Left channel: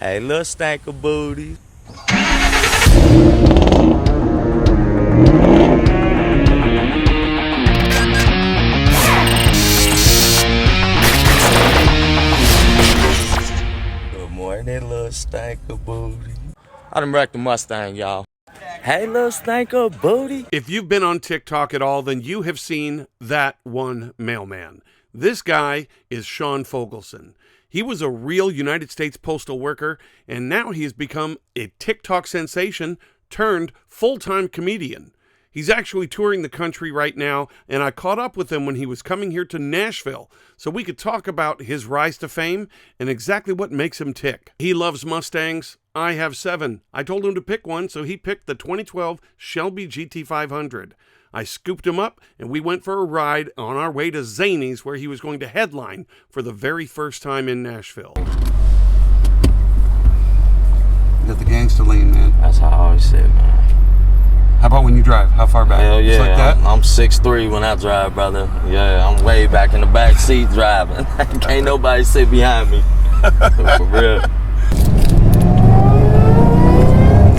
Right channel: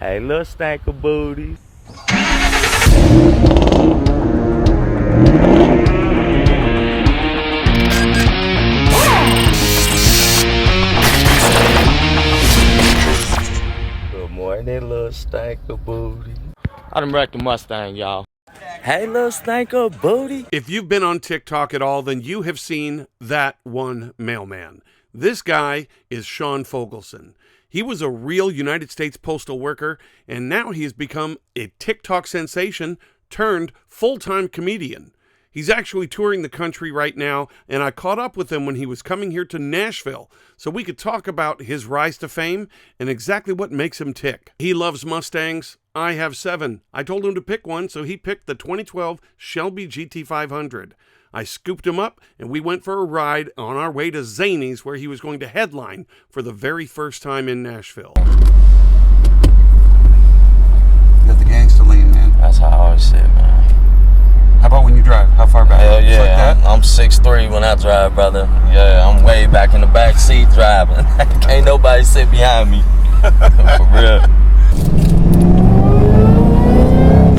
Hey, little stank of booty. Good morning, little stank of booty. I done wrecked the Mustang, y'all. Hey, little stank of booty. If you've been on TikTok at all, then you have seen that one mailman. This guy is Sean Fogelson. He was a real United States postal worker, and now he has become a TikTok sensation turned full-time comedian. He's actually touring the country right now, and I caught up with him when he was coming here to Nashville so we could talk about his rise to fame and exactly what makes him tick. He loves Mustangs. I have 7. I told him to pick one, so he picked the 2012 Shelby GT500. I scooped him up, and we went for a ride on our way to Zanies, where he was going to headline for the very first time in Nashville. You got the gangster lean, man. That's how I always say it, man. How about when you drive? How far back? Hell yeah, Just like that? I'm 6'3" when I drive, brother. Yeah, I'm way back in the back seat driving. Can't nobody sit behind me. For real.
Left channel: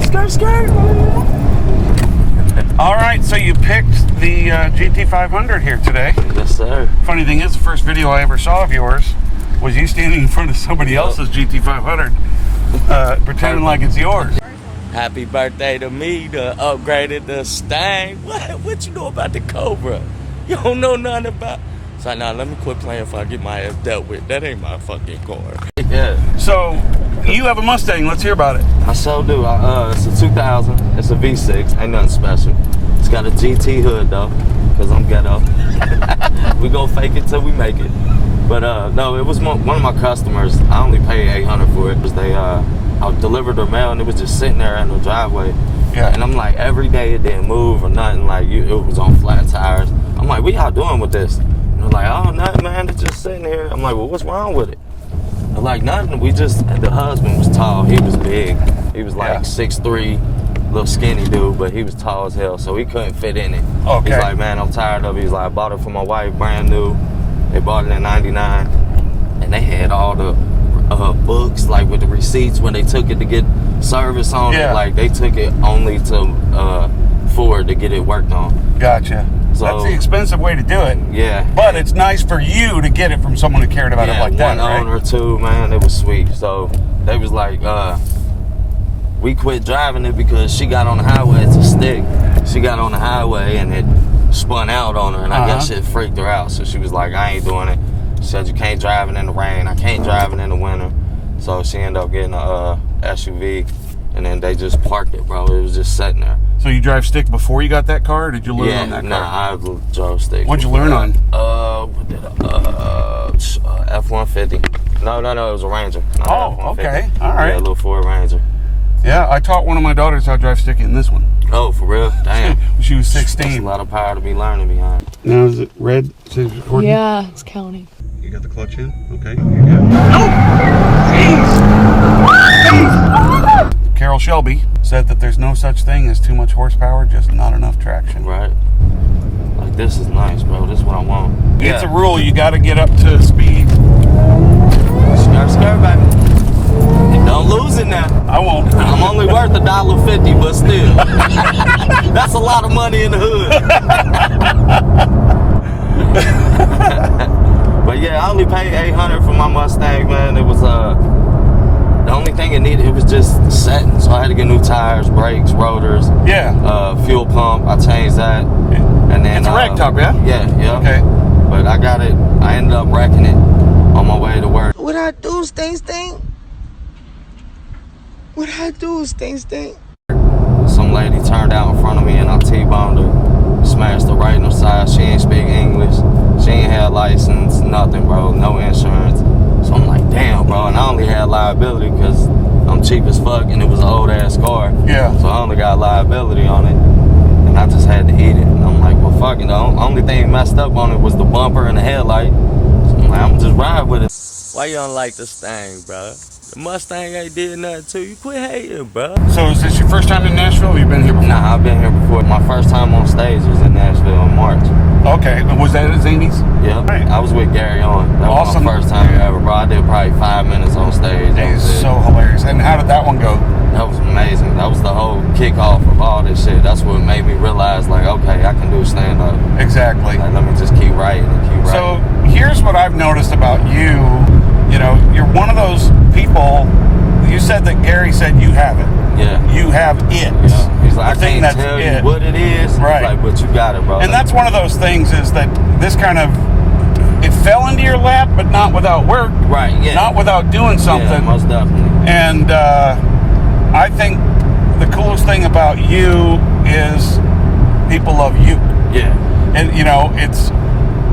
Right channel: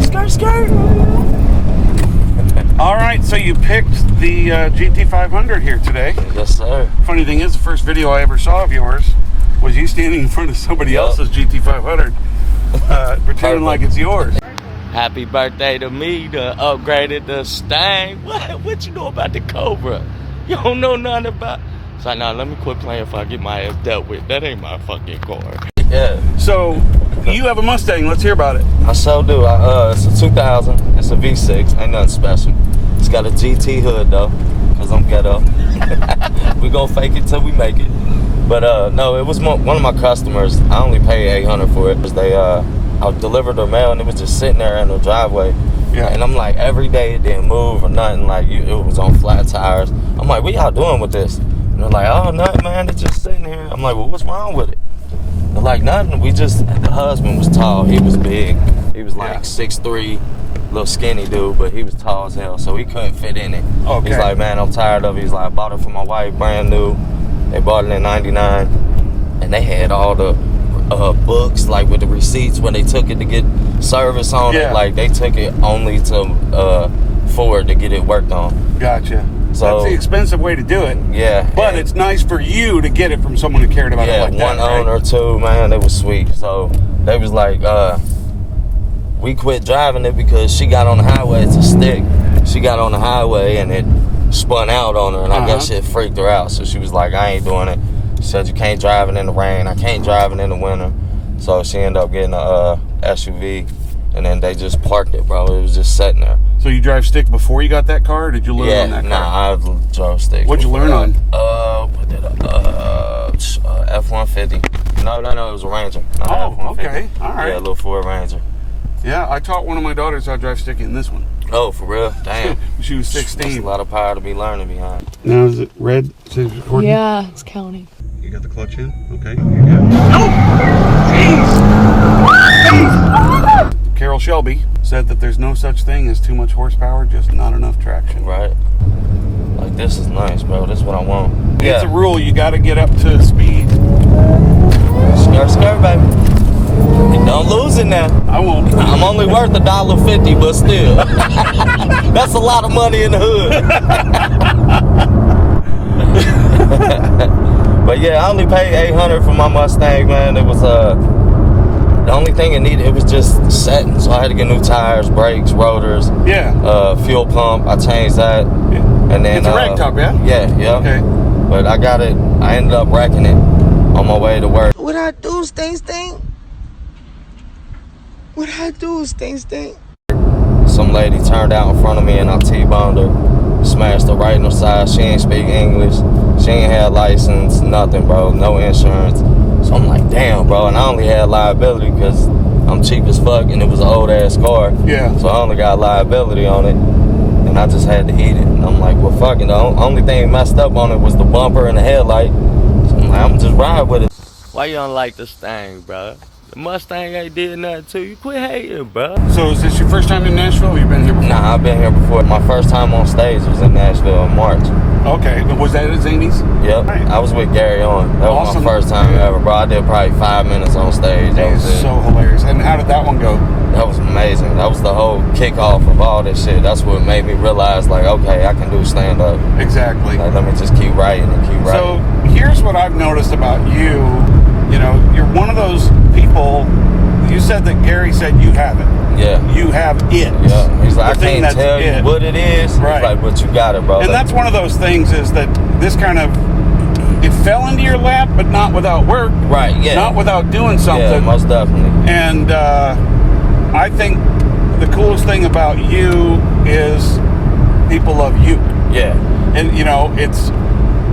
Skirt, skirt. All right, so you picked the GT500 here today. Yes, sir. Funny thing is, the first video I ever saw of yours was you standing in front of somebody else's GT500, pretending like it's yours. Happy birthday to me, the upgraded the Stang. What you know about the Cobra? You don't know nothing about. It's like, nah, let me quit playing if I get my ass dealt with. That ain't my fucking car. Yeah. So, you have a Mustang. Let's hear about it. I sure do. It's a 2000. It's a V6. Ain't nothing special. It's got a GT hood, though, because I'm ghetto. We gonna fake it till we make it. But, no, it was one of my customers. I only paid $800 for it because I delivered their mail, and it was just sitting there in the driveway. Yeah. And I'm like, every day it didn't move or nothing. Like, it was on flat tires. I'm like, what y'all doing with this? And they're like, oh, nothing, man. It's just sitting here. I'm like, well, what's wrong with it? They're like, nothing. The husband was tall. He was big. He was like 6'3", little skinny dude, but he was tall as hell, so he couldn't fit in it. Okay. He's like, man, I'm tired of it. He's like, I bought it for my wife, brand new. They bought it in '99, and they had all the books, like with the receipts when they took it to get service on it. Like, they took it only to Ford to get it worked on. Gotcha. So that's the expensive way to do it. Yeah. But it's nice for you to get it from someone who cared about it like that, one owner or two, man, it was sweet. So they was like, we quit driving it because she got on the highway. It's a stick. She got on the highway and it spun out on her, and I guess shit freaked her out. So she was like, I ain't doing it. She said, you can't drive it in the rain. I can't drive it in the winter. So she ended up getting a SUV, and then they just parked it, bro. It was just sitting there. So you drive stick before you got that car, or did you learn on that car? Nah, I drove stick. What'd you learn on? What did F-150. No, it was a Ranger. Okay. All right. Yeah, a little Ford Ranger. Yeah, I taught one of my daughters how to drive stick in this one. Oh, for real? Damn. She was That's 16. a lot of power to be learning behind. Now is it red? Says recording? Yeah, it's counting. You got the clutch in? Okay, you're good. Jeez! Carol Shelby said that there's no such thing as too much horsepower, just not enough traction. Right. Like, this is nice, bro. This is what I want. It's a rule. You got to get up to speed. Skirt, baby. And don't lose it now. I won't. I'm only worth $1.50, but still. That's a lot of money in the hood. But yeah, I only paid $800 for my Mustang, man. It was the only thing it needed, it was just setting. So I had to get new tires, brakes, rotors. Yeah. Fuel pump. I changed that. And then it's a rag top, yeah? Yeah. Okay. But I got it. I ended up wrecking it on my way to work. What I do, Sting? What I do, Sting? Some lady turned out in front of me and I T-boned her, smashed her right in her side. She ain't speak English. She ain't had license, nothing, bro, no insurance. So I'm like, damn, bro, and I only had liability because I'm cheap as fuck and it was an old ass car. Yeah. So I only got liability on it and I just had to eat it. And I'm like, well, fuck it. The only thing messed up on it was the bumper and the headlight. So I'm like, I'm just ride with it. Why you don't like this thing, bro? The Mustang ain't did nothing to you. Quit hating, bro. So is this your first time in Nashville, or you've been here before? Nah, I've been here before. My first time on stage was in Nashville in March. Okay, was that at Zanies? Yep. Right. I was with Gary on. That was Awesome. my first time ever, bro. I did probably 5 minutes on stage. That It's was it. so hilarious. And how did that one go? That was amazing. That was the whole kickoff of all this shit. That's what made me realize, like, okay, I can do stand-up. Exactly. Like, let me just keep writing and keep writing. So here's what I've noticed about you. You know, you're one of those people. You said that Gary said you have it. Yeah. You have it. Yeah. He's like, The I thing can't that's tell it. you what it is. Right. He's like, but you got it, bro. And Like, that's one of those things is that this kind of, it fell into your lap, but not without work. right, yeah. Not without doing something. Yeah, most definitely. And I think the coolest thing about you is people love you. Yeah. And, you know, it's,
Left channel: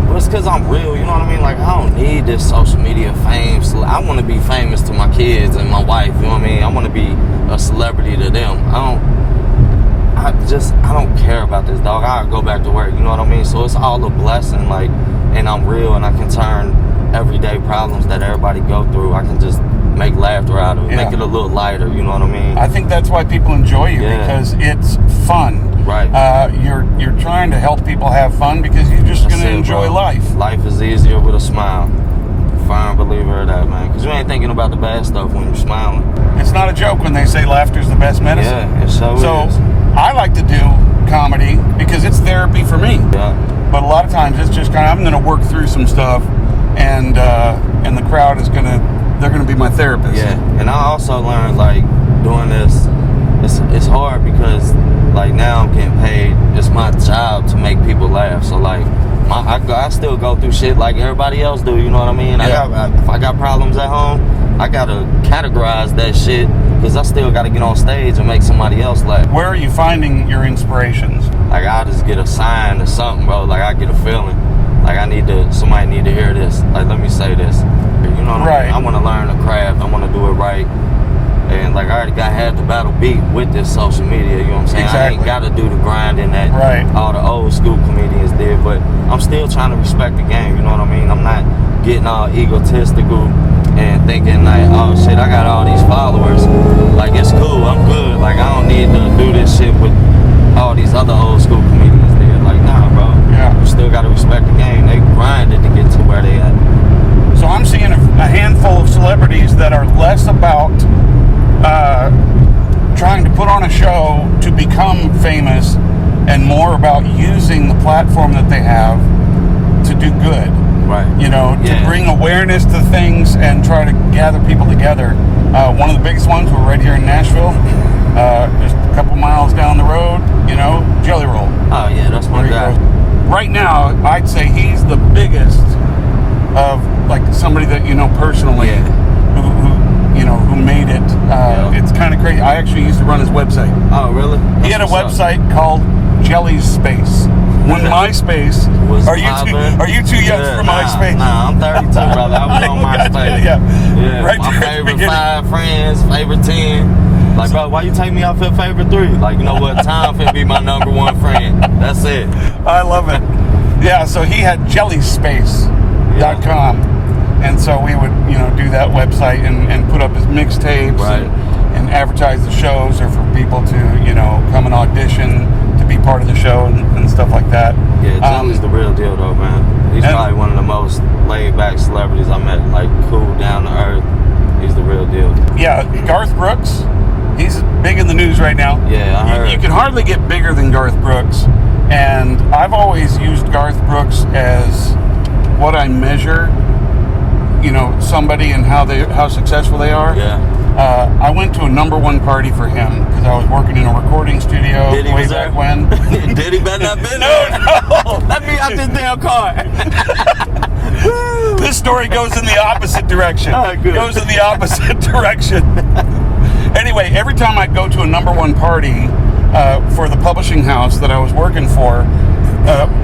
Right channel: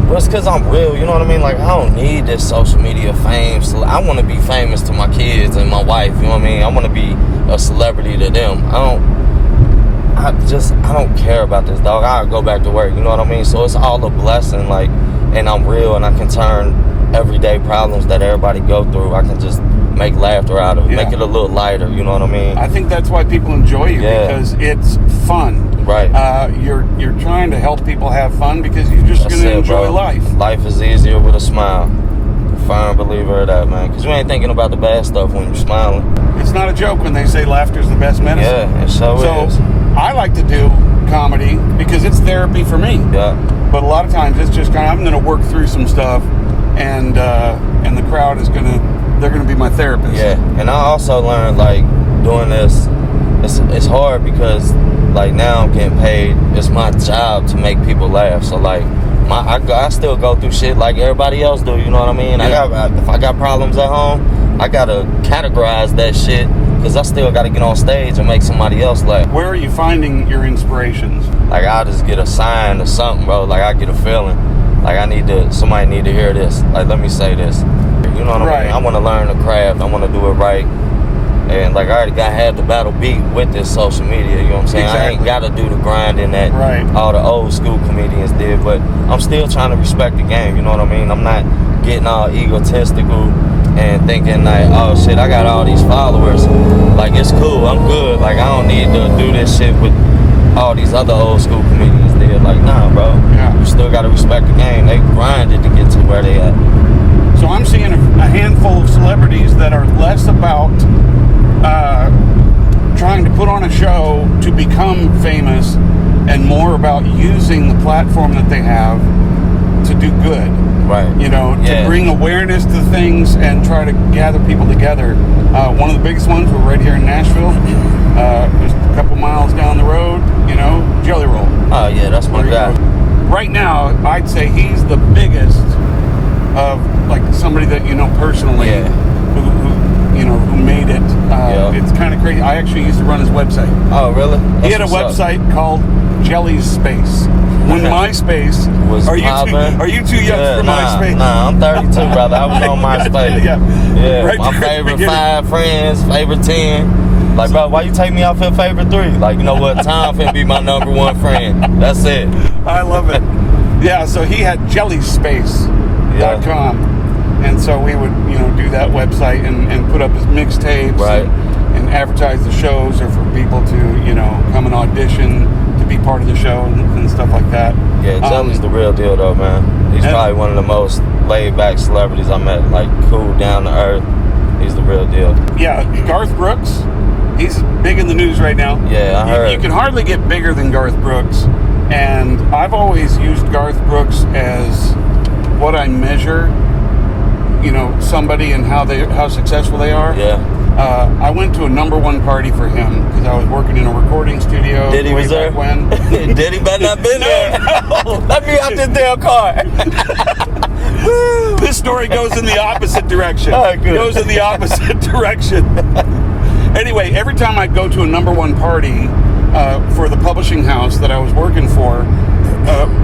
But it's because I'm real, you know what I mean? Like, I don't need this social media fame. So I want to be famous to my kids and my wife, you know what I mean? I want to be a celebrity to them. I don't care about this, dog. I'll go back to work, you know what I mean? So it's all a blessing, like, and I'm real, and I can turn everyday problems that everybody go through, I can just make laughter out of it, Yeah. make it a little lighter, you know what I mean? I think that's why people enjoy you, Yeah. because it's fun. Right. You're trying to help people have fun because you're just That's going to it, enjoy bro. life. Life is easier with a smile. Firm believer of that, man. Because you ain't thinking about the bad stuff when you're smiling. It's not a joke when they say laughter's the best medicine. Yeah, it so is. I like to do comedy because it's therapy for me. Yeah. But a lot of times it's just kind of, I'm going to work through some stuff, and the crowd is they're going to be my therapist. Yeah, and I also learned, like, doing this, it's hard because, like, now I'm getting paid. It's my job to make people laugh. So, like, I still go through shit like everybody else do, you know what I mean? Yeah. If I got problems at home, I got to categorize that shit because I still got to get on stage and make somebody else laugh. Where are you finding your inspirations? Like, I'll just get a sign or something, bro. Like, I get a feeling. Like, somebody need to hear this. Like, let me say this. You know what I Right. mean? I want to learn the craft. I want to do it right. And, like, I already had the battle beat with this social media, you know what I'm saying? I ain't Exactly. got to do the grinding that Right. all the old school comedians did, but I'm still trying to respect the game, you know what I mean? I'm not getting all egotistical and thinking, like, oh, shit, I got all these followers. Like, it's cool. I'm good. Like, I don't need to do this shit with all these other old school comedians did. Like, nah, bro. Yeah. You still got to respect the game. They grinded to get to where they at. So I'm seeing a handful of celebrities that are less about trying to put on a show to become famous and more about using the platform that they have to do good. Right. You know, to Yeah. bring awareness to things and try to gather people together. One of the biggest ones, we're right here in Nashville, just a couple miles down the road, you know, Jelly Roll. Oh, yeah, that's my There you guy. go. Right now, I'd say he's the biggest of, like, somebody that you know personally, Yeah. who made it. Yeah. It's kind of crazy. I actually used to run his website. Oh, really? He had a That's what's up. website called Jelly's Space. When MySpace Was are you too young Yeah, for nah, MySpace? Nah, I'm 32, brother. I was on MySpace. Yeah. Yeah, Right my there at the favorite beginning. 5 friends, favorite 10. Like, bro, why you take me off your favorite 3? Like, you know what? Tom finna be my number 1 friend. That's it. I love it. Yeah, so he had jellyspace.com. And so we would, do that website and put up his mixtapes Right. and advertise the shows, or for people to, come and audition to be part of the show and stuff like that. Yeah, Jelly's the real deal, though, man. He's and- probably one of the most laid-back celebrities I met. Like, cool, down to earth. He's the real deal. Yeah, Garth Brooks, he's big in the news right now. Yeah, I heard. You can hardly get bigger than Garth Brooks. And I've always used Garth Brooks as what I measure, somebody and how successful they are. Yeah. I went to a number 1 party for him because I was working in a recording studio Did he way was there? back when. Did he better not been there? No. Let me out this damn car. This story goes in the opposite direction. All right, good. Goes in the opposite direction. Anyway, every time I'd go to a number 1 party for the publishing house that I was working for,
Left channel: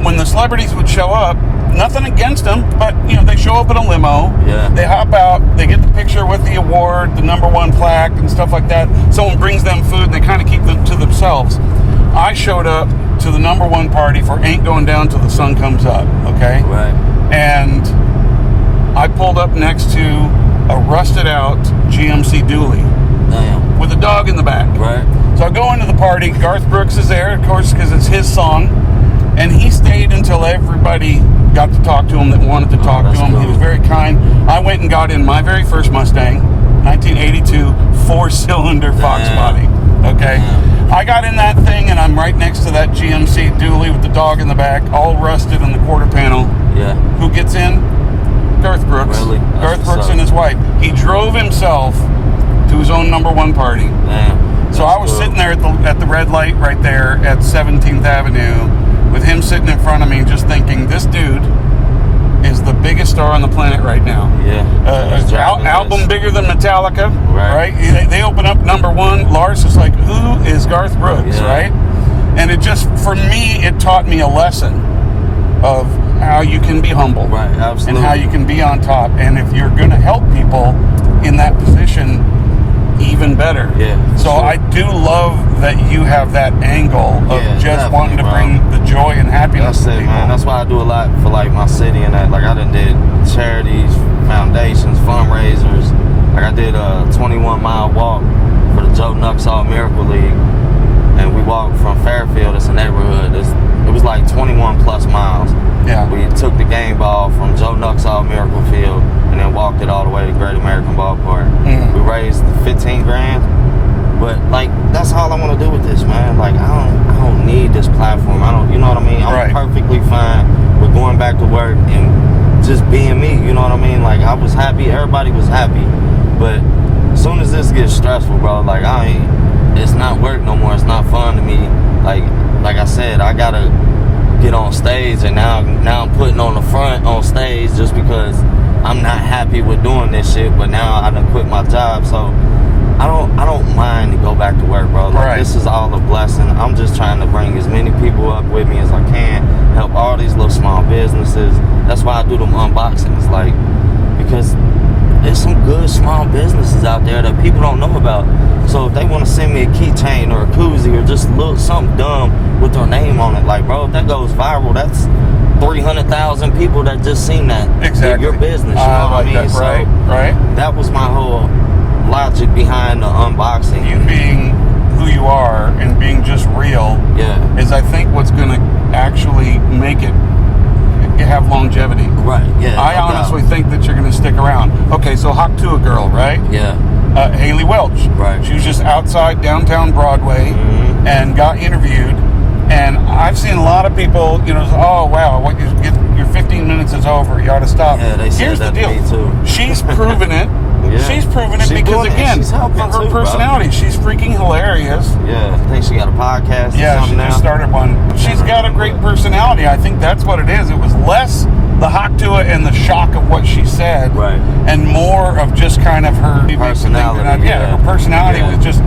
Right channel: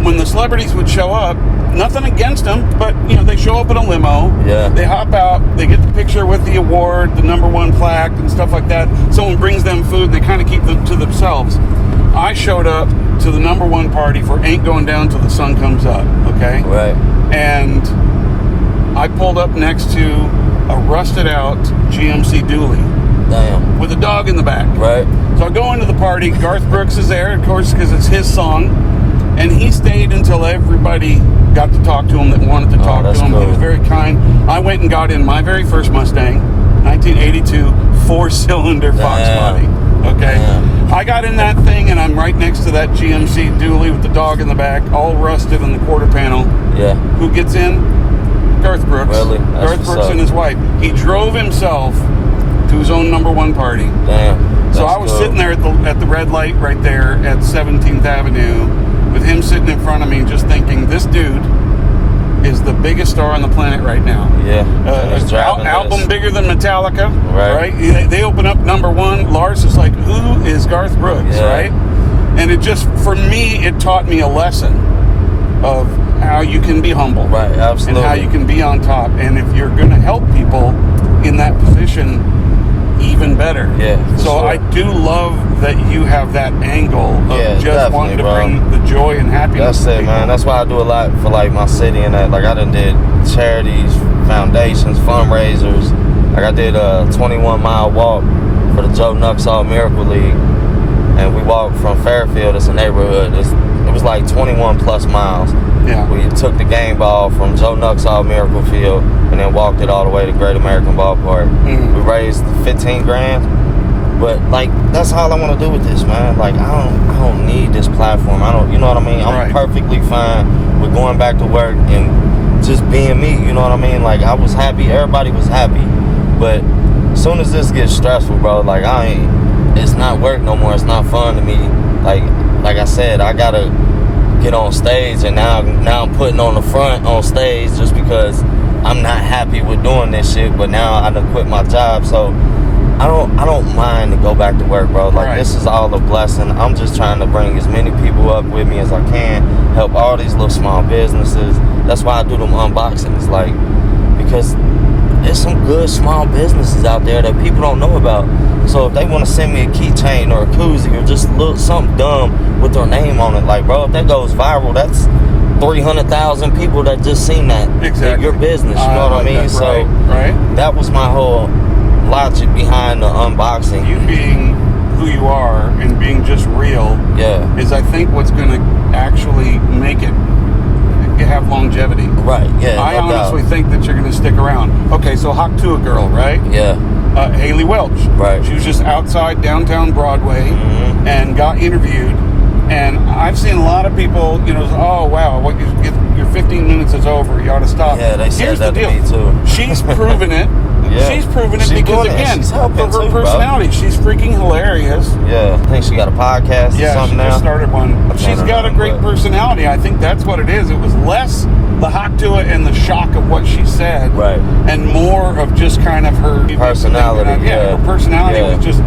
when the celebrities would show up, nothing against them, but they show up in a limo. Yeah. They hop out, they get the picture with the award, the number 1 plaque, and stuff like that. Someone brings them food, they kind of keep them to themselves. I showed up to the number 1 party for Ain't Going Down Till the Sun Comes Up, okay? Right. And I pulled up next to a rusted out GMC dually Damn. with a dog in the back. Right. So I go into the party. Garth Brooks is there, of course, because it's his song. And he stayed until everybody got to talk to him that wanted to talk to him. cool. He was very kind. I went and got in my very first Mustang, 1982, 4-cylinder Fox body. Okay. Damn. I got in that thing, and I'm right next to that GMC dually with the dog in the back, all rusted on the quarter panel. Yeah. Who gets in? Garth Brooks. Really? That's Garth what's Brooks up. and his wife. He drove himself to his own #1 party. Damn. So I was That's sitting dope. there at the red light right there at 17th Avenue with him sitting in front of me, just thinking, this dude is the biggest star on the planet right now. Yeah. He's driving Album this. bigger than Metallica, Right. right? They open up #1. Lars is like, who is Garth Brooks, Yeah. right? And it just, for me, it taught me a lesson of how you can be humble. Right, absolutely. And how you can be on top. And if you're going to help people in that position, even better. Yeah, So sure. I do love that you have that angle of Yeah, just wanting to definitely, bring the joy and happiness That's to it, people. man. That's why I do a lot for like my city and that. Like I done did charities, foundations, fundraisers. Like I did a 21-mile walk for the Joe Nuxall Miracle League, and we walked from Fairfield. It's a neighborhood. It was like 21 plus miles. Yeah. We took the game ball from Joe Nuxall Miracle Field and then walked it all the way to Great American Ballpark. Mhm. We raised 15 grand. But like that's all I want to do with this, man. Like I don't need this platform. You know what I mean? I'm Right. perfectly fine with going back to work and just being me. You know what I mean? Like I was happy, everybody was happy. But as soon as this gets stressful, bro, like it's not work no more. It's not fun to me. Like I said, I gotta get on stage, and now I'm putting on the front on stage just because I'm not happy with doing this shit. But now I done quit my job, so I don't mind to go back to work, bro. Like Right. this is all a blessing. I'm just trying to bring as many people up with me as I can, help all these little small businesses. That's why I do them unboxings, like because there's some good small businesses out there that people don't know about. So if they want to send me a keychain or a koozie or just something dumb with their name on it, like bro, if that goes viral, that's 300,000 people that just seen that. Exactly. Your business, you know what I like mean? that. So Right. that was my whole logic behind the unboxing. You being who you are and being just real Yeah. is, I think, what's going to actually make it have longevity. Right. Yeah. I no doubt. honestly think that you're going to stick around. Okay, so Hawk to a girl, right? Yeah. Haley Welch. Right. She was just outside downtown Broadway Mhm. and got interviewed. And I've seen a lot of people, oh wow, your 15 minutes is over. You ought to stop. Yeah, they said Here's that the to deal. me too. She's proven it. Yeah. She's proven it She because doing it. again, She's for helping her too, bro. personality, she's freaking hilarious. Yeah. I think she got a podcast or Yeah, she something now. just started one. She's don't got a know, great but- personality. I think that's what it is. It was less the hawk to it and the shock of what she said, Right. and more of just kind of her Personality, Yeah, her yeah. personality Yeah. was just.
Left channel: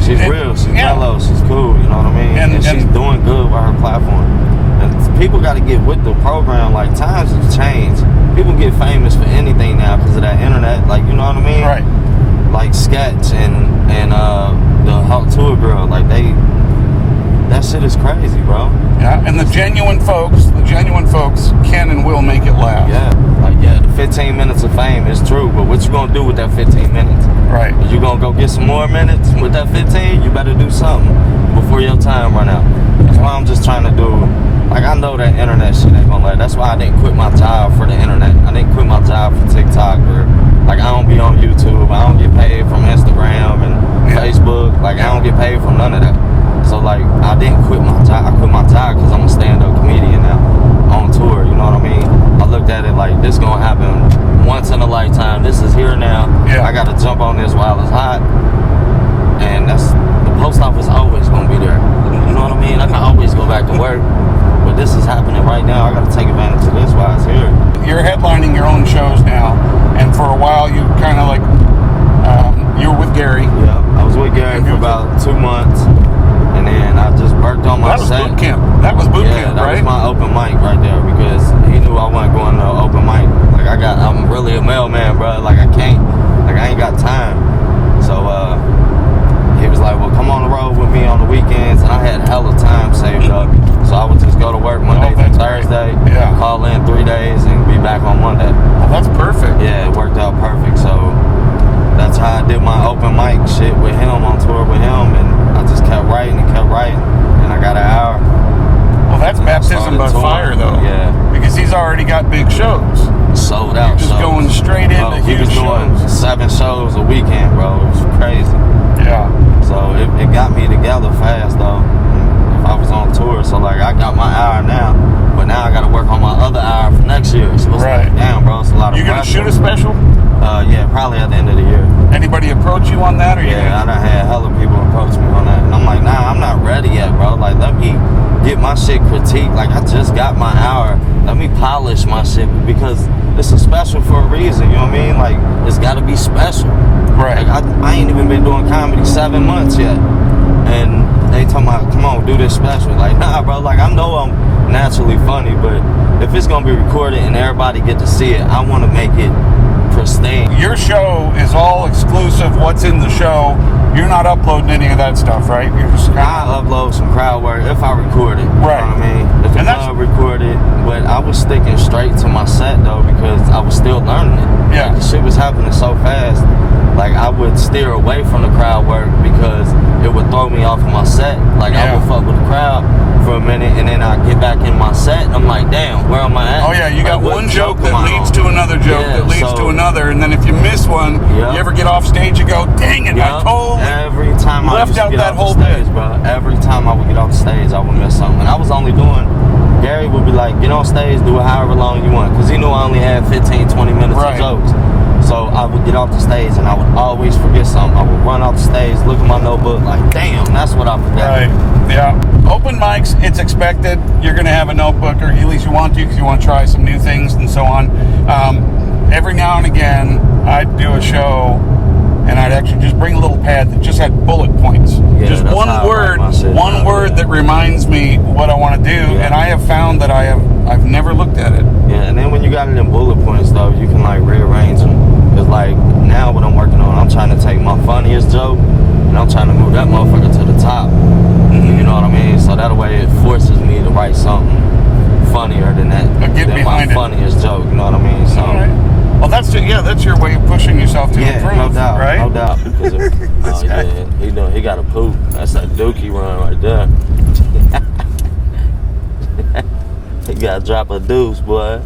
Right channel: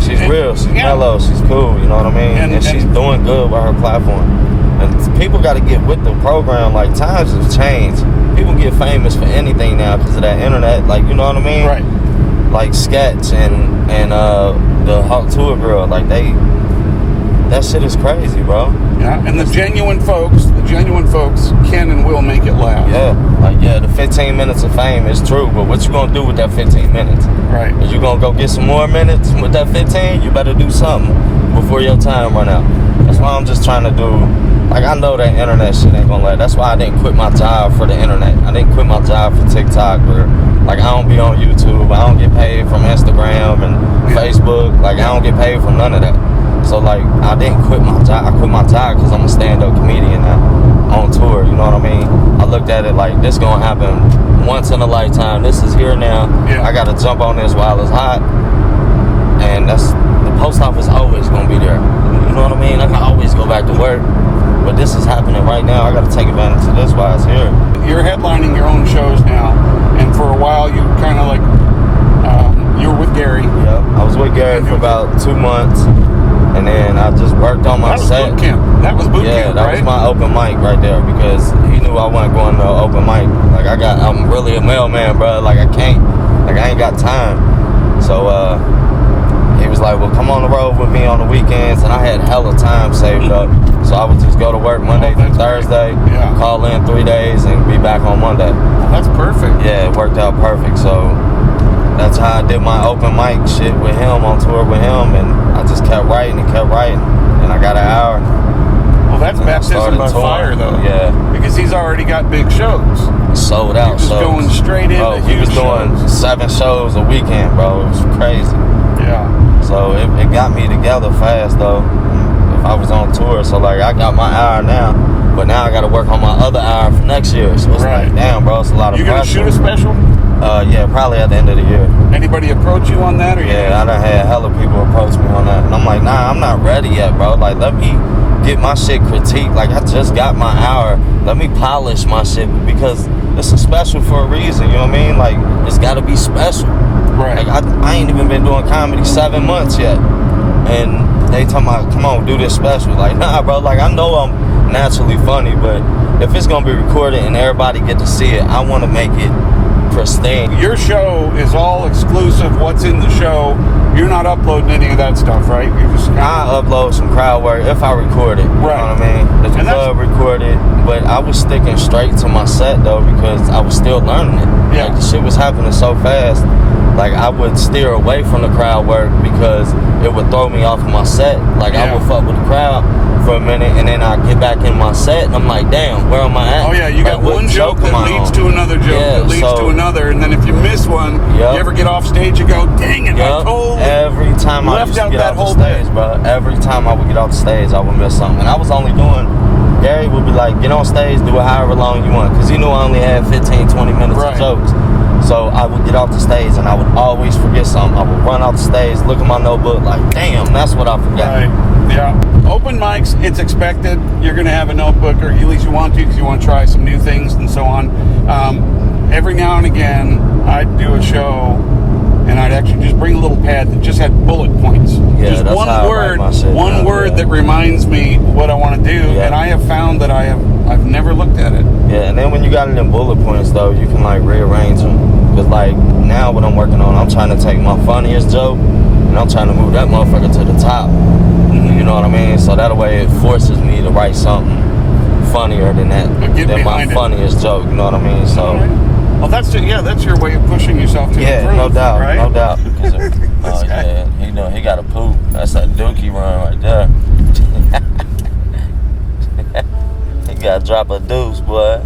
She's real. She's yeah. mellow. She's cool. You know what I mean? And- And she's and- doing good with her platform. And people got to get with the program. Like times have changed. People get famous for anything now because of that internet. Like you know what I mean? Right. Like Sketch and the Hawk Tour girl. Like that shit is crazy, bro. Yeah, and the genuine folks can and will make it last. Yeah. The 15 minutes of fame is true, but what you gonna do with that 15 minutes? Right. Is you gonna go get some more minutes with that 15? You better do something before your time run out. That's why I'm just trying to do. Like I know that internet shit ain't gonna last. That's why I didn't quit my job for the internet. I didn't quit my job for TikTok or like I don't be on YouTube. I don't get paid from Instagram and Facebook. Like I don't get paid from none of that. So like I didn't quit my job. I quit my job because I'm a stand-up comedian now on tour. You know what I mean? I looked at it like this gonna happen once in a lifetime. This is here now. Yeah. I gotta jump on this while it's hot. And that's the post office always gonna be there. You know what I mean? I can always go back to work. But this is happening right now. I gotta take advantage of this while it's here. You're headlining your own shows now, and for a while you kind of like you were with Gary. Yeah. I was with Gary for about 2 months. And then I just worked on my That was set. boot camp. That was boot Yeah, camp, that right? was my open mic right there because he knew I wasn't going to no open mic. Like I'm really a mailman, bro. Like I ain't got time. So he was like, well, come on the road with me on on the weekends, and I had hella time saved up. So I would just go to work Monday through Thursday, call in 3 days, and be back on Monday. Well, that's perfect. Yeah, it worked out perfect. So that's how I did my open mic shit with him, on tour with him, and I just kept writing, and I got an hour. Well, that's baptism by fire, though. Yeah. Because he's already got big shows. Sold out. You're just going straight into he was doing shows. 7 shows a weekend, bro. It was crazy. Yeah. So it got me together fast, though. If I was on tour, so like I got my hour now, but now I got to work on my other hour for next year. So it's like, damn, bro, it's a lot of pressure. You gonna shoot a special? Yeah, probably at the end of the year. Anybody approach you on that? Or I done had hella people approach me on that, and I'm like, nah, I'm not ready yet, bro. Like, let me get my shit critiqued. Like, I just got my hour. Let me polish my shit, because it's a special for a reason. You know what I mean? Like, it's got to be special. Right. Like, I ain't even been doing comedy 7 months yet, and they talking about, come on, do this special. Like, nah, bro. Like, I know I'm naturally funny, but if it's gonna be recorded and everybody get to see it, I want to make it pristine. Your show is all exclusive. What's in the show? You're not uploading any of that stuff, right? You're just I upload some crowd work if I record it. Right. You know what I mean? If the club recorded, but I was sticking straight to my set though, because I was still learning it. Yeah. Like, the shit was happening so fast. Like, I would steer away from the crowd work because it would throw me off of my set. Like, I would fuck with the crowd for a minute, and then I get back in my set, and I'm like, damn, where am I at? Oh yeah, you got one joke that leads to another joke that leads to another, and then if you miss one, you ever get off stage, you go, dang it, I totally every time I left out get that off whole the stage, bit. bro. Every time I would get off the stage, I would miss something. And I was only doing, Gary would be like, get on stage, do it however long you want, because he knew I only had 15, 20 minutes of jokes. So I would get off the stage, and I would always forget something. I would run off the stage, look at my notebook, like, damn, that's what I forgot. Right, yeah. Open mics, it's expected. You're going to have a notebook, or at least you want to, because you want to try some new things and so on. Every now and again, I'd do a show, and I'd actually just bring a little pad that just had bullet points. Yeah, just one word that reminds me what I want to do, and I have found that I've never looked at it. Yeah, and then when you got it in bullet points, though, you can, like, rearrange them. Because, like, now what I'm working on, I'm trying to take my funniest joke, and I'm trying to move that motherfucker to the top. You know what I mean? So that way it forces me to write something funnier than that. Than my funniest joke, you know what I mean? So, well, that's your way of pushing yourself to improve, no doubt, right? No doubt. Because he got a poop. That's that dookie run right there. He got to drop a deuce, boy.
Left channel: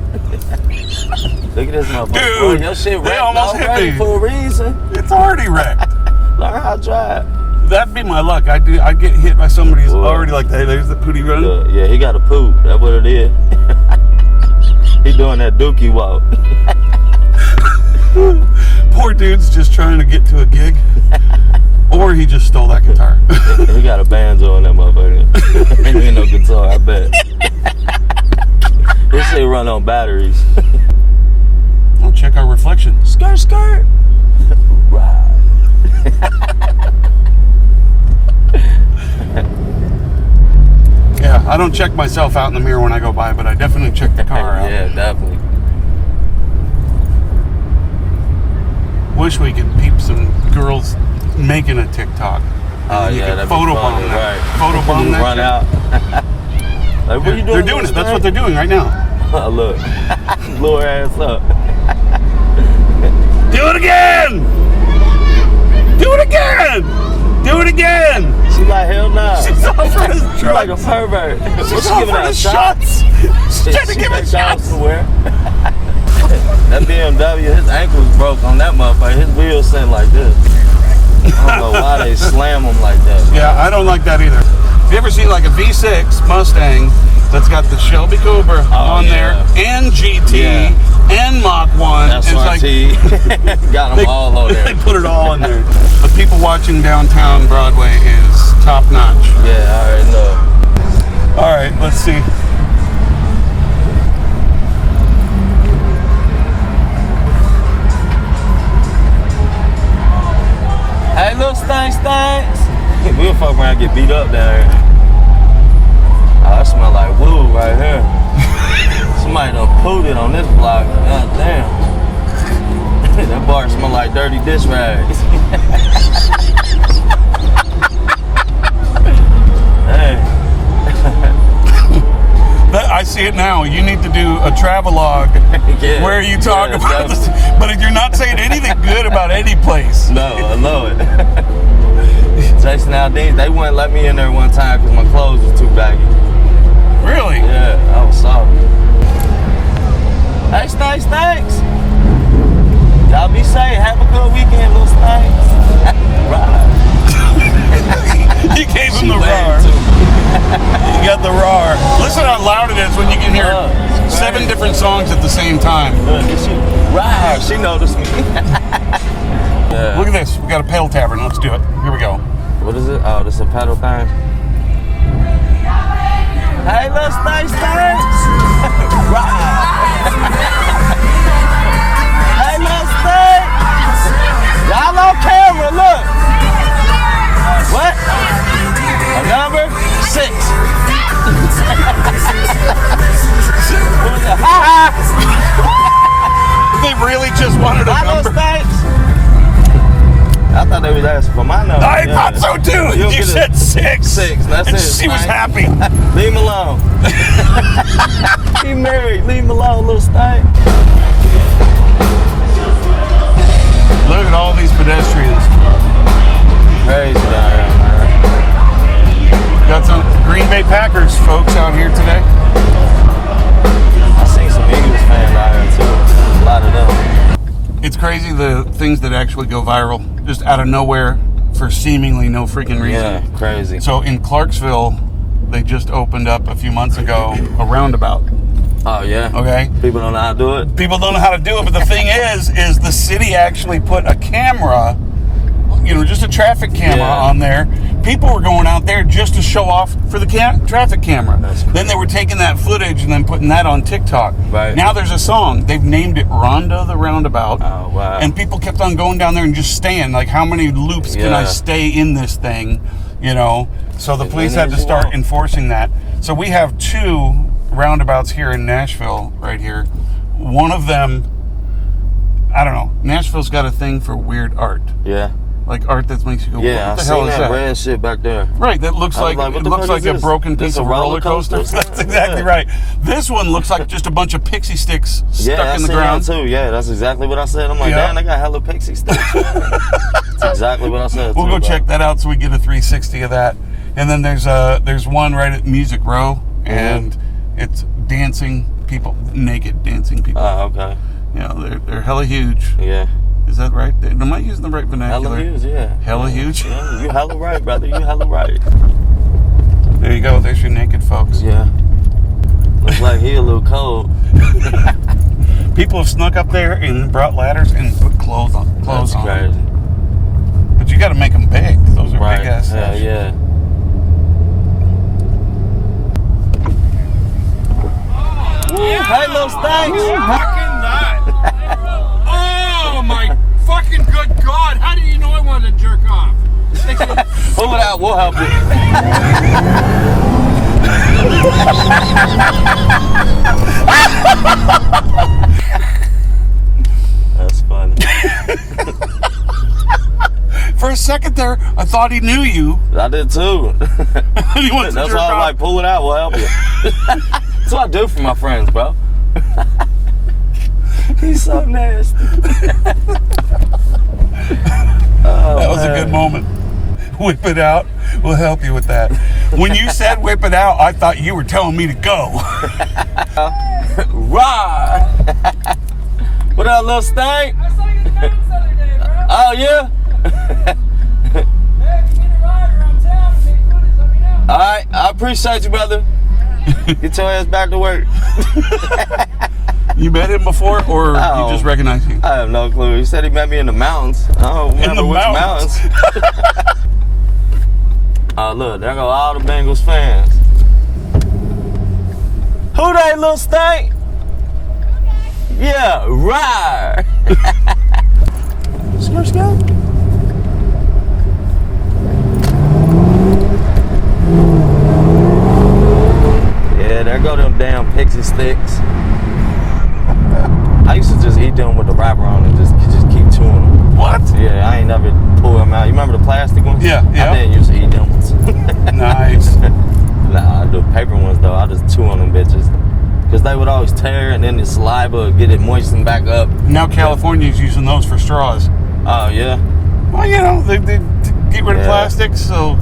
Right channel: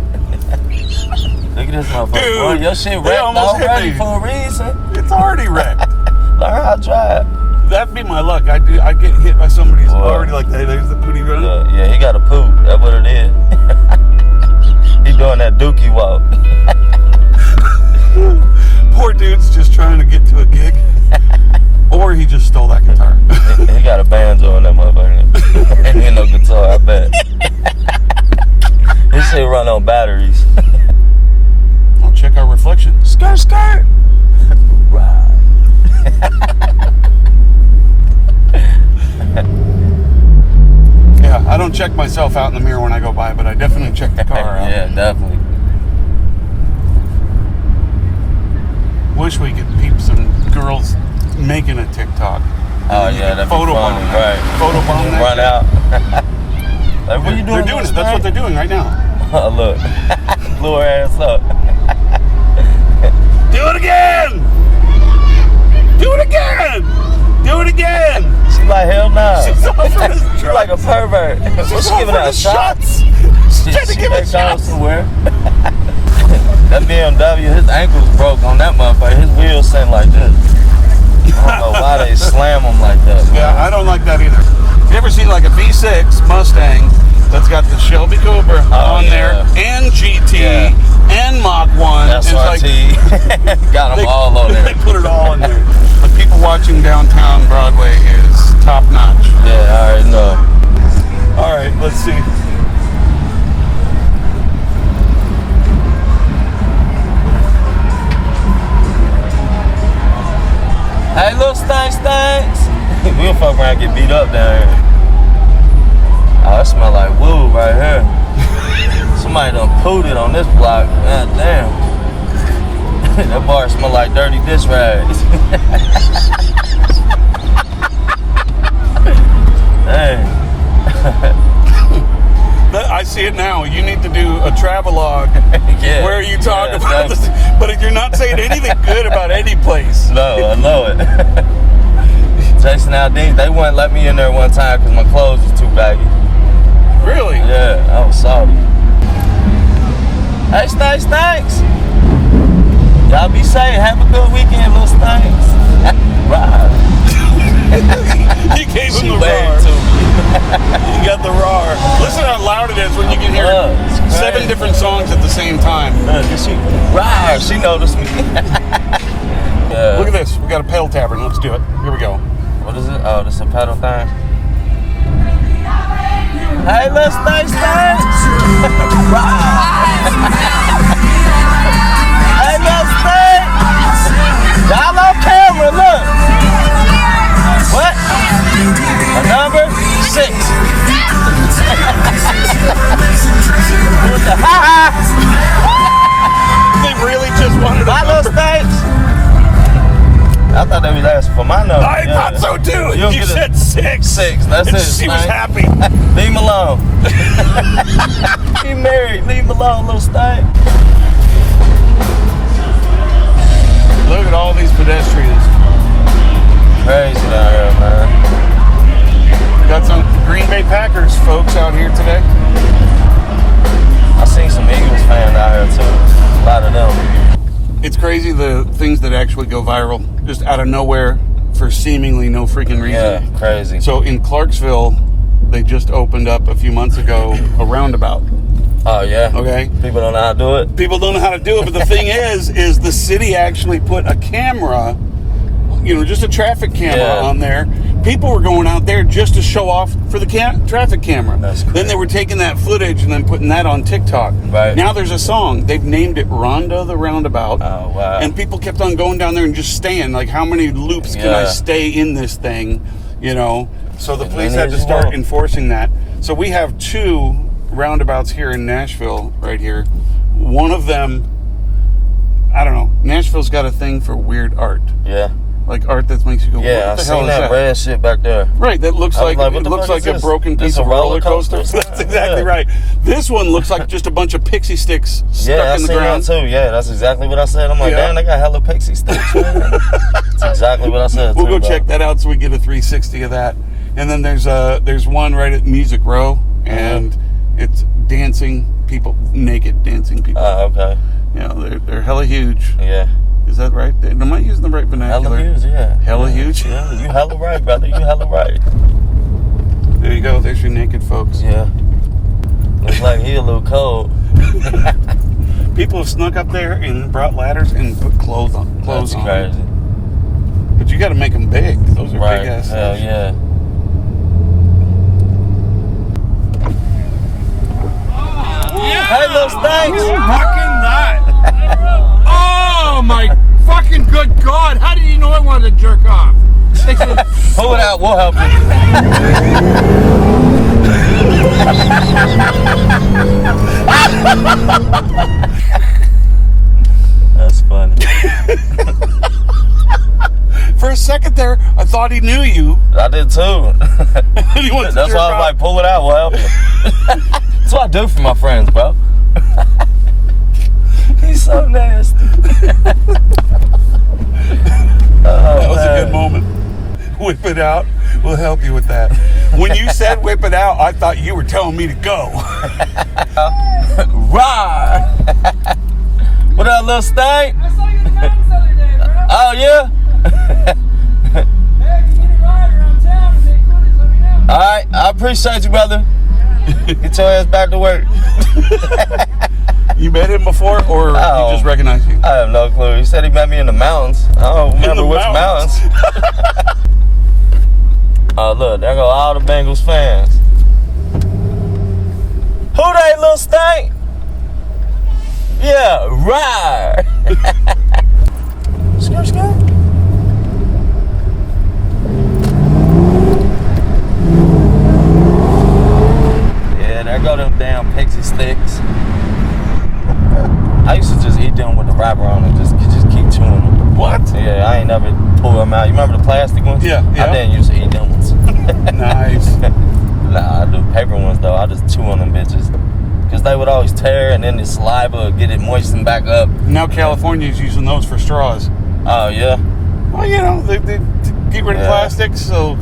Look at this motherfucker. Dude, boy, your shit they wrecked almost hit already me. for a reason. It's already wrecked. Learn how to drive. That'd be my luck. I'd get hit by somebody who's already like, hey, there's the pooty run. Yeah, he got a poop. That's what it is. He doing that dookie walk. Poor dude's just trying to get to a gig. Or he just stole that guitar. He got a banjo in that motherfucker. Ain't even no guitar, I bet. This shit run on batteries. I'll check our reflection. Skirt, skirt. Right. Yeah, I don't check myself out in the mirror when I go by, but I definitely check the car out. Yeah, definitely. Wish we could peep some girls making a TikTok. Oh yeah, that'd photobomb be funny, that. right? Photobomb that. Run out. Like, what you doing? They're doing it. That's what they're doing right now. Oh, look. Blew her ass up. Do it again! Do it again! Do it again! She's like, hell no. She's offering us drugs. She's like a pervert. She's giving offering her us shots. She's trying to give us shots. Somewhere. That BMW, his ankles broke on that motherfucker. His wheels sent like this. I don't know why they slam them like that. Man. Yeah, I don't like that either. Have you ever seen like a V6 Mustang that's got the Shelby Cobra on there and GT and Mach 1? SRT. Like, got them all on there. They put it all in there. The people watching downtown Broadway is top notch. Yeah, I already know. All right, let's see. Hey, little stinks. We'll fuck around and get beat up down here. Oh, that smell like woo right here. Somebody done pooted on this block. God damn. That bar smell like dirty dish rags. a travelogue Yeah. where you talk Yeah, about this, definitely. but you're not saying anything good about any place. No, I know it. Jason Aldean, they wouldn't let me in there one time because my clothes was too baggy. Really? Yeah, I was sorry. Hey, thanks. Y'all be safe. Have a good weekend, little Stanks. Right. You gave him She the waved roar. to me. You got the roar. Listen how loud it is when you can hear It's 7 crazy. different songs at the same time. Look, she right. She noticed me. Yeah. Look at this. We got a pedal tavern. Let's do it. Here we go. What is it? Oh, this is a pedal thing. Hey, little Stanks. Right. Hey, little Stanks. Y'all on camera, look. What? A number 6. What the They really just wanted a my little number. Stanks. I thought they was asking for my number. I thought so too. You'll You get said 6. 6. That's And it. she was Stank. happy. Leave him alone. He married. Leave him alone, little Stank. Look at all these pedestrians. Crazy down here, man. Got some Green Bay Packers folks out here today. I seen some Eagles fans out here too. A lot of them. It's crazy the things that actually go viral just out of nowhere for seemingly no freaking reason. Yeah, crazy. So in Clarksville, they just opened up a few months ago a roundabout. Oh yeah. Okay? People don't know how to do it. People don't know how to do it, but the thing is the city actually put a camera, just a traffic camera Yeah. on there. People were going out there just to show off for the traffic camera. That's Then they were taking that footage and then putting that on TikTok. Right. Now there's a song. They've named it Rhonda the Roundabout. Oh wow. And people kept on going down there and just staying. Like, how many loops can I Yeah. stay in this thing? So the police many had to as you start want. enforcing that. So we have 2 roundabouts here in Nashville right here. One of them, I don't know. Nashville's got a thing for weird art. Yeah. Like art that makes you go, Yeah. I what the seen hell is that that? red shit back there. Right, that looks I was like, like, what it the looks fuck like is a this? broken This piece a of roller coaster. coaster? That's exactly Yeah. right. This one looks like just a bunch of pixie sticks stuck Yeah, I in the seen ground. that too. Yeah, that's exactly what I said. I'm like, Yeah. damn, they got hella pixie sticks. That's exactly what I said. We'll too, go bro. check that out so we get a 360 of that. And then there's one right at Music Row, and it's dancing people, naked dancing people. Oh, okay. They're hella huge. Yeah. Is that right? Am I using the right vernacular? Hella huge, yeah. Hella huge? Yeah, you hella right, brother. You hella right. There you go. There's your naked folks. Yeah. Looks like he a little cold. People have snuck up there and brought ladders and put clothes on. That's crazy. But you got to make them big. Those are Right. big ass Hell stuff. yeah. Hey, little Stanks. Fucking that! Oh my fucking good God! How did you know I wanted to jerk off? Pull it out. We'll help you. That's funny. For a second there, I thought he knew you. I did too. He wants to That's jerk why I'm off. like, pull it out. We'll help you. That's what I do for my friends, bro. He's so nasty. That was a good moment. Whip it out. We'll help you with that. When you said whip it out, I thought you were telling me to go. Rah! What up, little Stank? I saw you in the mountains the other day, bro. Oh, yeah? Hey, if you need a ride around town and make footage, let me know. All right. I appreciate you, brother. Get your ass back to work. You met him before, or Oh. you just recognize you? I have no clue. He said he met me in the mountains. I don't remember the which mountains. mountains. Oh, look. There go all the Bengals fans. Who they, little Stank? Yeah, right. Skirt, skirt. Yeah, there go them damn pixie sticks. I used to just eat them with the wrapper on and just keep chewing them. What? Yeah, I ain't never pulled them out. You remember the plastic ones? Yeah, yeah. I didn't used to eat them ones. Nice. Nah, I do paper ones though. I just chew on them bitches. because they would always tear, and then the saliva would get it moistened back up. Now California's using those for straws. Oh yeah. Well, you know, they get rid of plastics, so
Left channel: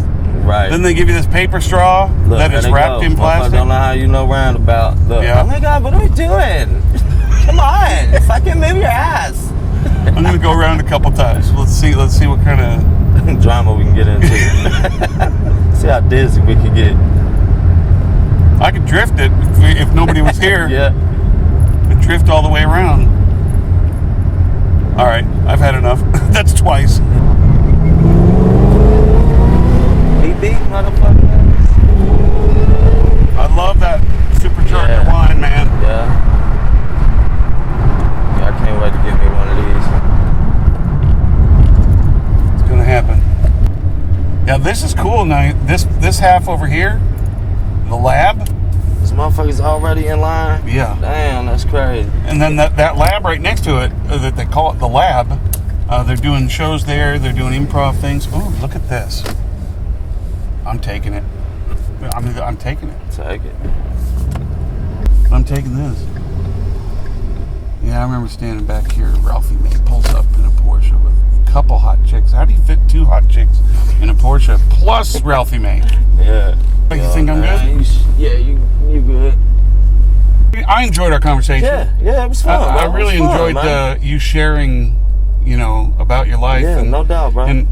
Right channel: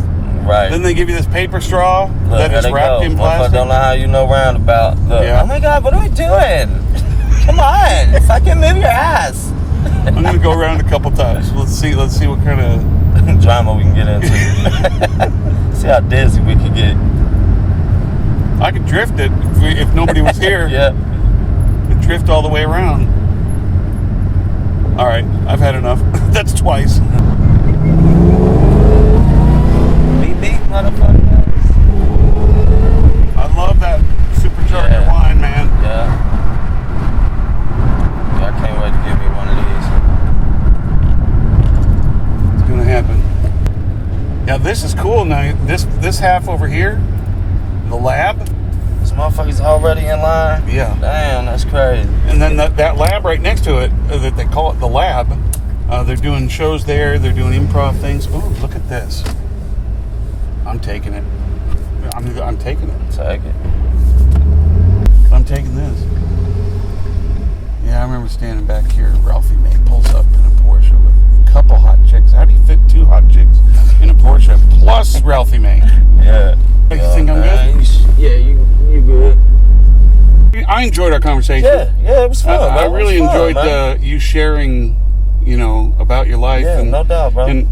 right. Then they give you this paper straw that is wrapped in plastic. I don't know how you know roundabout. Look, Yeah. oh my God, what are we doing? Come on, fucking move your ass. I'm gonna go around a couple times. Let's see what kind of drama we can get into. See how dizzy we can get. I could drift it if nobody was here. Yeah. Could drift all the way around. All right, I've had enough. That's twice. Beep beep, motherfuckers. I love that supercharger wine, man. Yeah. I can't wait to give me one of these. It's gonna happen. Yeah, this is cool. Now this half over here, the lab. This motherfucker's already in line. Yeah. Damn, that's crazy. And then that lab right next to it, that they call it the lab. They're doing shows there. They're doing improv things. Oh, look at this. I'm taking it. I'm taking it. Take it. I'm taking this. Yeah, I remember standing back here. Ralphie May pulls up in a Porsche with a couple hot chicks. How do you fit 2 hot chicks in a Porsche plus Ralphie May? Yeah. You think I'm good? Yeah, you good. I enjoyed our conversation. Yeah, it was fun. I really enjoyed you sharing, you know, about your life. Yeah, and, no doubt, bro. And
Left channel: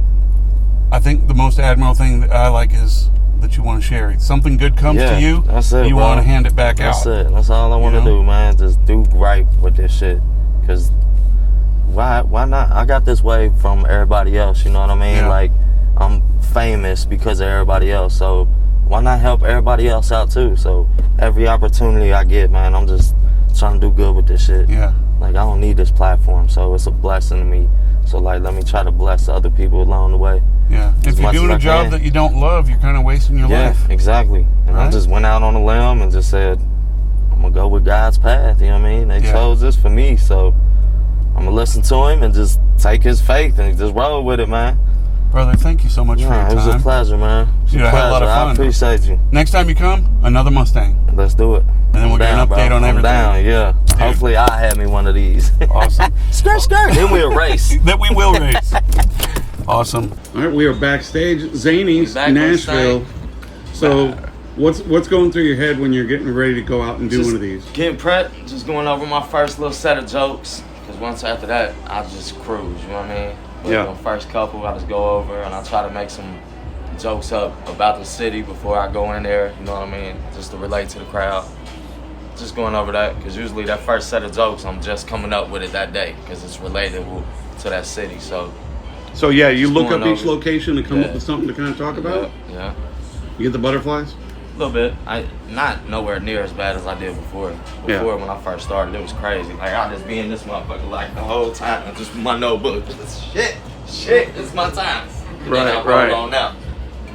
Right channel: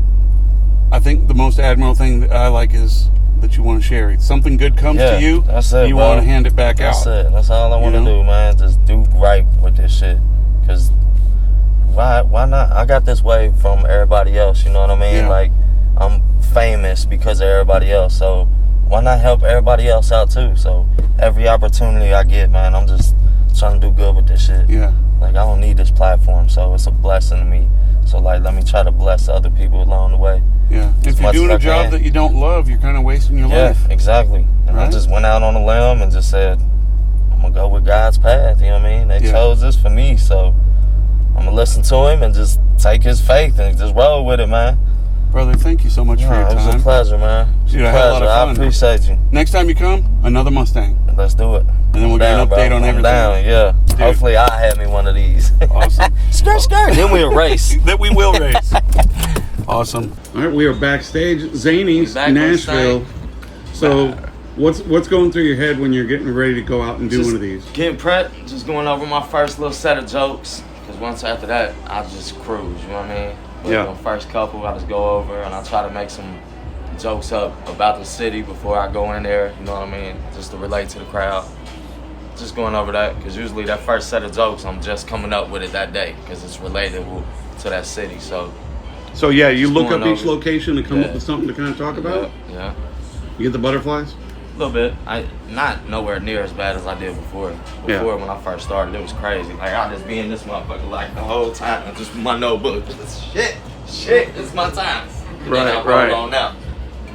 I think the most admirable thing that I like is that you want to share it. Something good comes to you, that's it, you bro. want to hand it back out. That's it. That's all I want to do, man. Just do right with this shit. Because why not? I got this way from everybody else, you know what I mean? Yeah. Like, I'm famous because of everybody else, so why not help everybody else out too? So every opportunity I get, man, I'm just trying to do good with this shit. Yeah. Like, I don't need this platform, so it's a blessing to me. So, like, let me try to bless other people along the way. Yeah. If you're doing a job that you don't love, you're kind of wasting your life. Yeah, exactly. And I just went out on a limb and just said, I'm going to go with God's path, you know what I mean? They chose this for me, so I'm going to listen to him and just take his faith and just roll with it, man. Brother, thank you so much for your time. It was a pleasure, man. Dude, I had a lot of fun. I appreciate you. Next time you come, another Mustang. Let's do it. And then we'll get an update on everything. Down, yeah. Dude. Hopefully I have me one of these. Awesome. Skirt. Then we'll race. That we will race. Awesome. All right, we are backstage. Zanies, Nashville. So what's going through your head when you're getting ready to go out and do one of these? Getting prepped, just going over my first little set of jokes. Because once after that, I just cruise, you know what I mean? But the first couple, I just go over and I try to make some jokes up about the city before I go in there, you know what I mean? Just to relate to the crowd. Just going over that, because usually that first set of jokes, I'm just coming up with it that day, because it's relatable to that city, so. So yeah, you look up each location and come up with something to kind of talk about? Yeah. You get the butterflies? A little bit. Not nowhere near as bad as I did before. Before, when I first started, it was crazy. Like, I'd just be in this motherfucker like the whole time, and just my notebook. Shit, it's my time. And then I roll on out.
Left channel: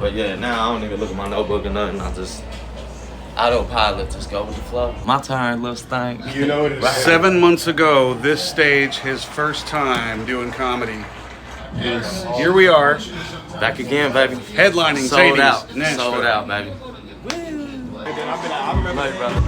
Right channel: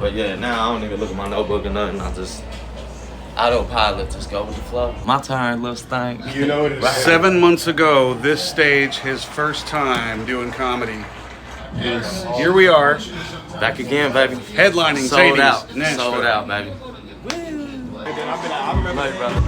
But yeah, now I don't even look at my notebook or nothing. I just autopilot, just go with the flow. My turn, little stank. You know it is. 7 months ago, this stage, his first time doing comedy. Is here we are. Back again, baby. Headlining Sold Zanies, out. Nashville. Sold out, baby. Woo! I remember, brother.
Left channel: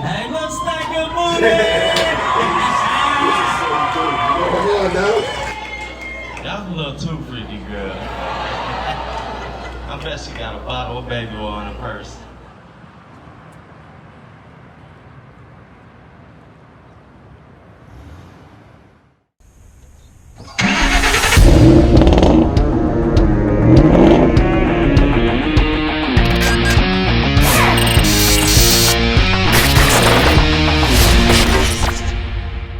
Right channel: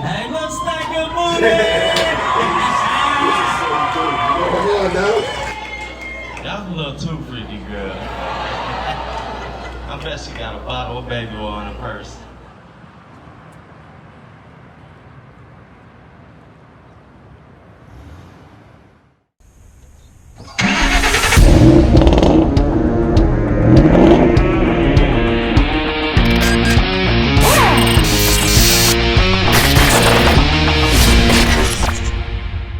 Hey, looks like a movie! Y'all a little too freaky, girl. I bet she got a bottle of baby oil in her purse.